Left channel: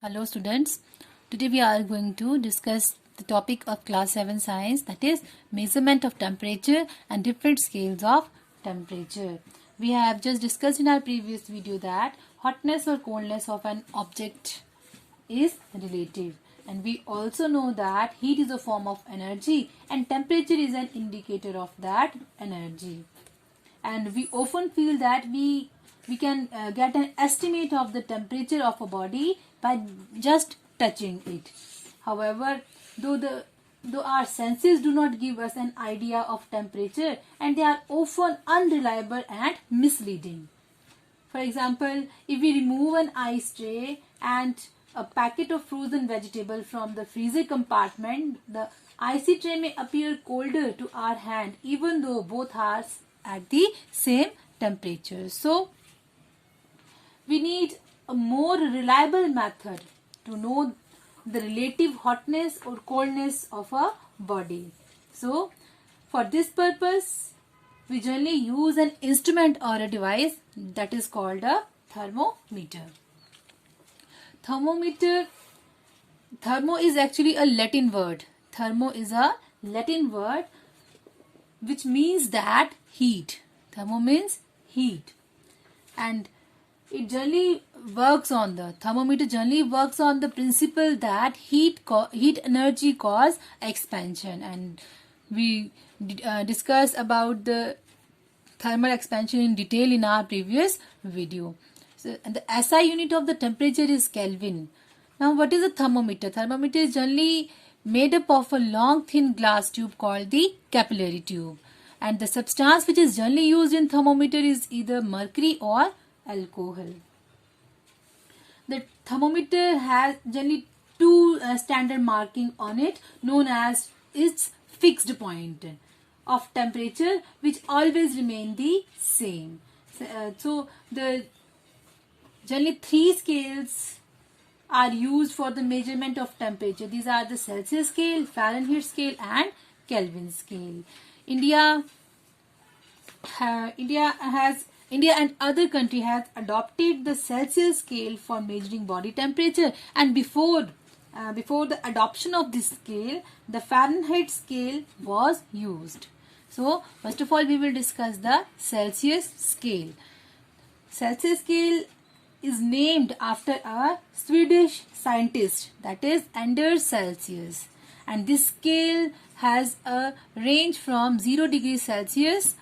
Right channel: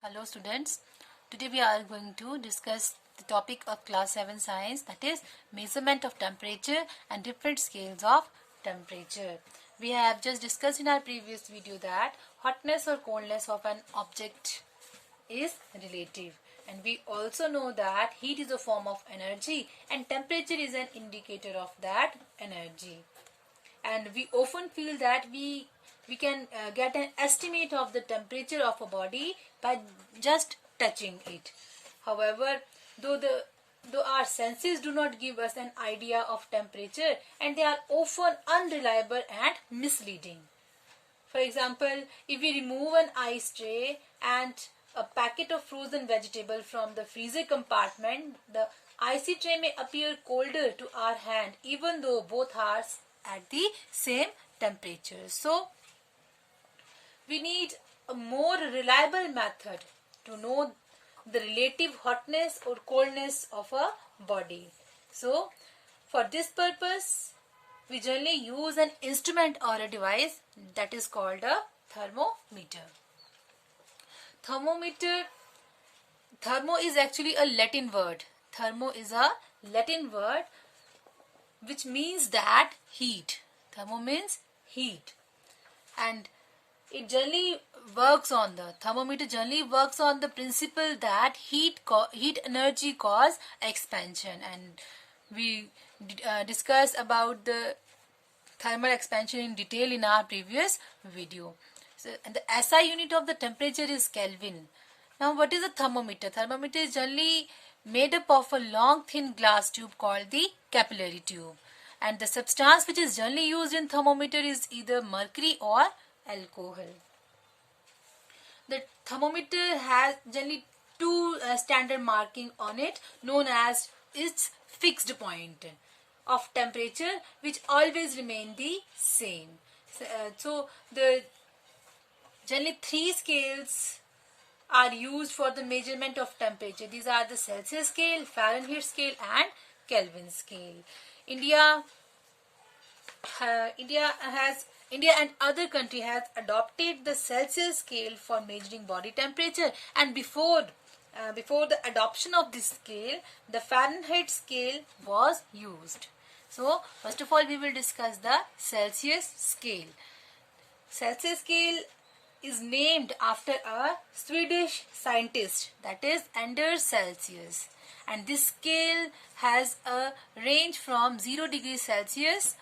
Hello students, today we are going to discuss the topic of class 7 science, that is measurement of temperature and different scales of temperature. We have just discussed in our previous video that hotness or coldness of an object is relative, and we also know that heat is a form of energy and temperature is an indicator of that energy. And we often feel that we can get an estimate of the temperature of a body by just touching it. However, though our senses do not give us an idea of temperature, and they are often unreliable and misleading. For example, if we remove an ice tray and a packet of frozen vegetable from the freezer compartment, the icy tray may appear colder to our hand even though both are at the same temperature. So, we need a more reliable method to know the relative hotness or coldness of a body. So, for this purpose, we generally use an instrument or a device that is called a thermometer. Thermo is actually a Latin word. Thermo is a Latin word which means that heat. Thermo means heat. And it generally thermometer generally works on the principle that heat energy cause expansion, and we discussed about the thermal expansion in detail in our previous video. So, and the SI unit of the temperature is Kelvin. Now, what is a thermometer? Thermometer is generally made up of a long thin glass tube called the capillary tube, and the substance which is generally used in thermometer is either mercury or alcohol. The thermometer has generally two standard marking on it, known as its fixed point of temperature, which always remain the same. So the generally three scales are used for the measurement of temperature. These are the Celsius scale, Fahrenheit scale, and Kelvin scale. India and other countries have adopted the Celsius scale for measuring body temperature, and before the adoption of this scale, the Fahrenheit scale was used. So, first of all, we will discuss the Celsius scale. Celsius scale is named after a Swedish scientist, that is Anders Celsius, and this scale has a range from 0 degrees Celsius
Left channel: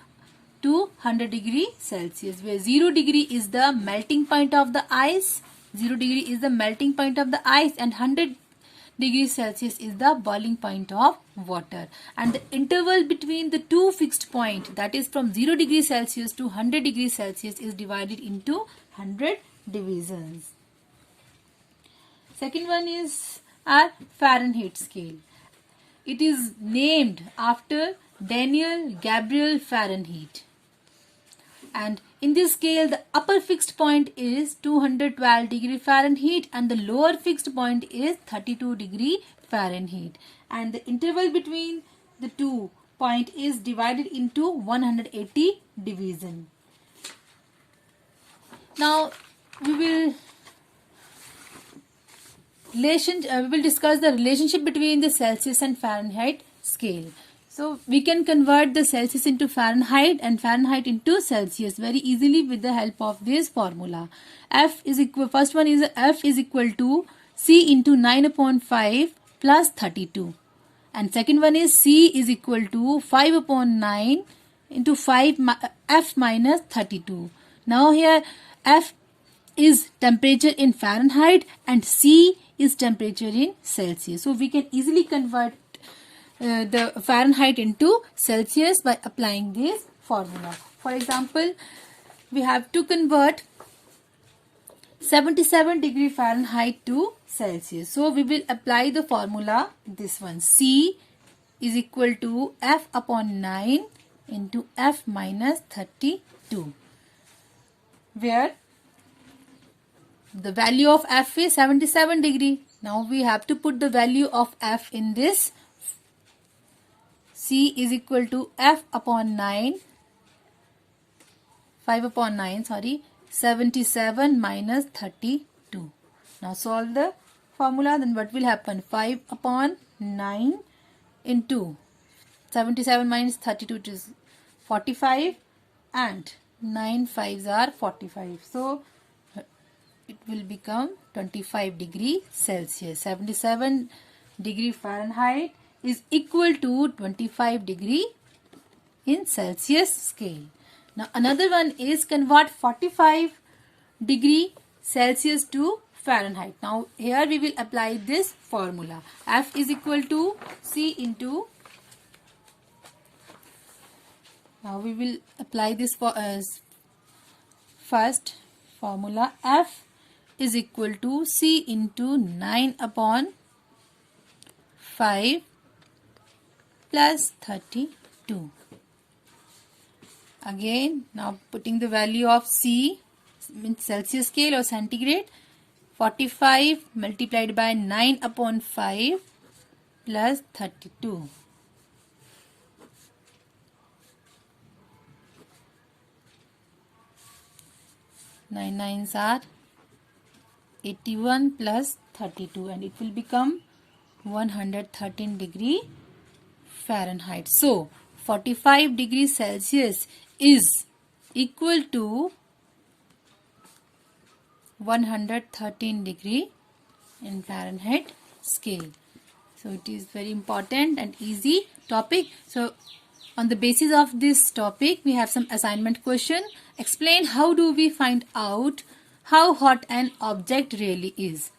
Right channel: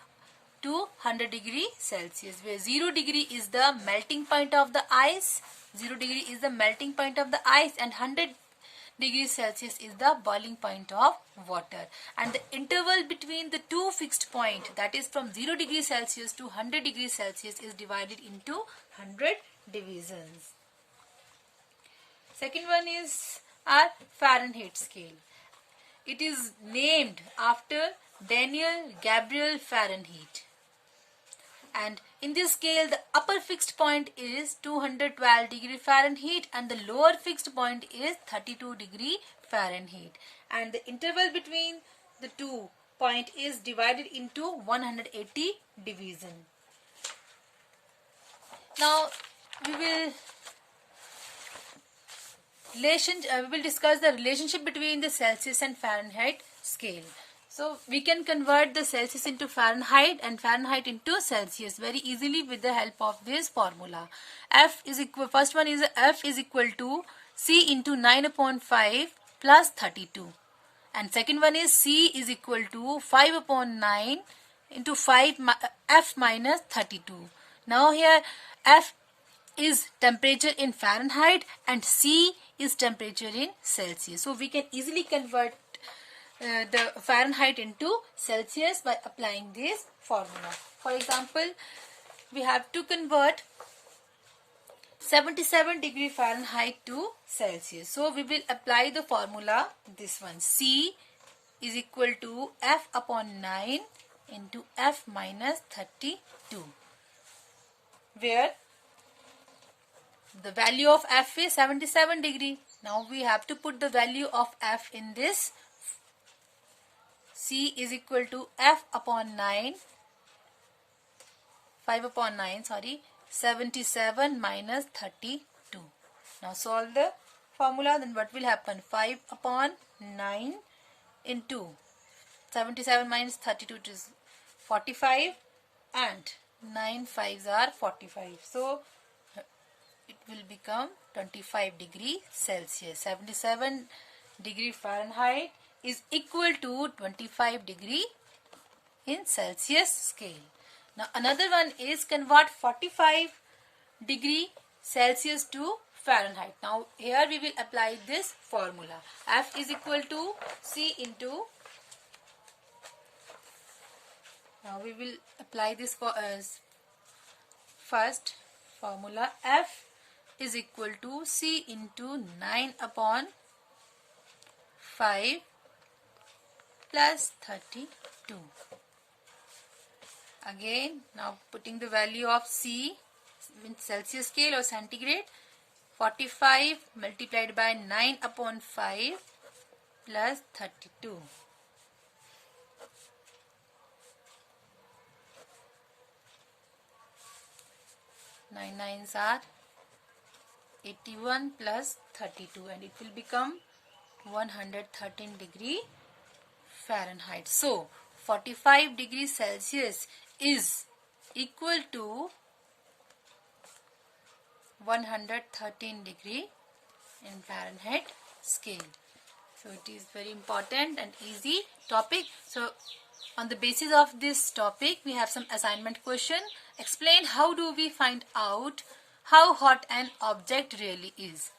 to 100 degrees Celsius, where 0 degree is the melting point of the ice, and 100 degrees Celsius is the boiling point of water. And the interval between the two fixed points, that is from 0 degrees Celsius to 100 degrees Celsius, is divided into 100 divisions. Second one is our Fahrenheit scale. It is named after Daniel Gabriel Fahrenheit. And in this scale, the upper fixed point is 212 degree Fahrenheit and the lower fixed point is 32 degree Fahrenheit. And the interval between the two points is divided into 180 division. Now, we will discuss the relationship between the Celsius and Fahrenheit scale. So, we can convert the Celsius into Fahrenheit and Fahrenheit into Celsius very easily with the help of this formula. First one is F is equal to C into 9 upon 5 plus 32. And second one is C is equal to 5 upon 9 into 5 F minus 32. Now here F is temperature in Fahrenheit and C is temperature in Celsius. So, we can easily convert the Fahrenheit into Celsius by applying this formula. For example, we have to convert 77 degree Fahrenheit to Celsius. So, we will apply the formula, this one, C is equal to F upon 9 into F minus 32, where the value of F is 77 degree. Now, we have to put the value of F in this. C is equal to F upon 9, 5 upon 9, 77 minus 32. Now solve the formula, then what will happen? 5 upon 9 into 77 minus 32 is 45 and 9 5s are 45. So it will become 25 degree Celsius. 77 degree Fahrenheit is equal to 25 degree in Celsius scale. Now another one is convert 45 degree Celsius to Fahrenheit. Now here we will apply this formula. F is equal to C into. Now we will apply this for first formula. F is equal to C into 9 upon 5 plus 32. Again, now putting the value of C in Celsius scale or centigrade. 45 multiplied by 9 upon 5 plus 32. Nine nines are 81 plus 32 and it will become 113 degree Fahrenheit. So 45 degrees Celsius is equal to 113 degree in Fahrenheit scale. So it is very important and easy topic. So on the basis of this topic we have some assignment question. Explain how do we find out how hot an object really is.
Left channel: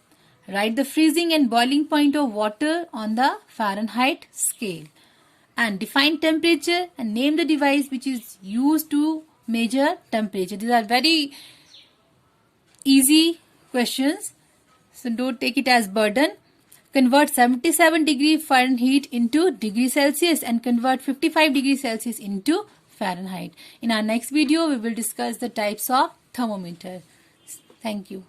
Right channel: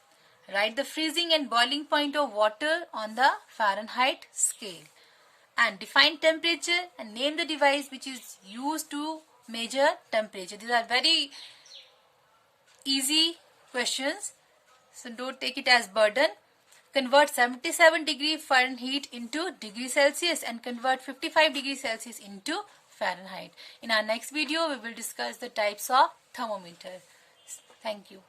Write the freezing and boiling point of water on the Fahrenheit scale. And define temperature and name the device which is used to measure temperature. These are very easy questions, so don't take it as burden. Convert 77 degree Fahrenheit into degree Celsius and convert 55 degrees Celsius into Fahrenheit. In our next video, we will discuss the types of thermometer. Thank you.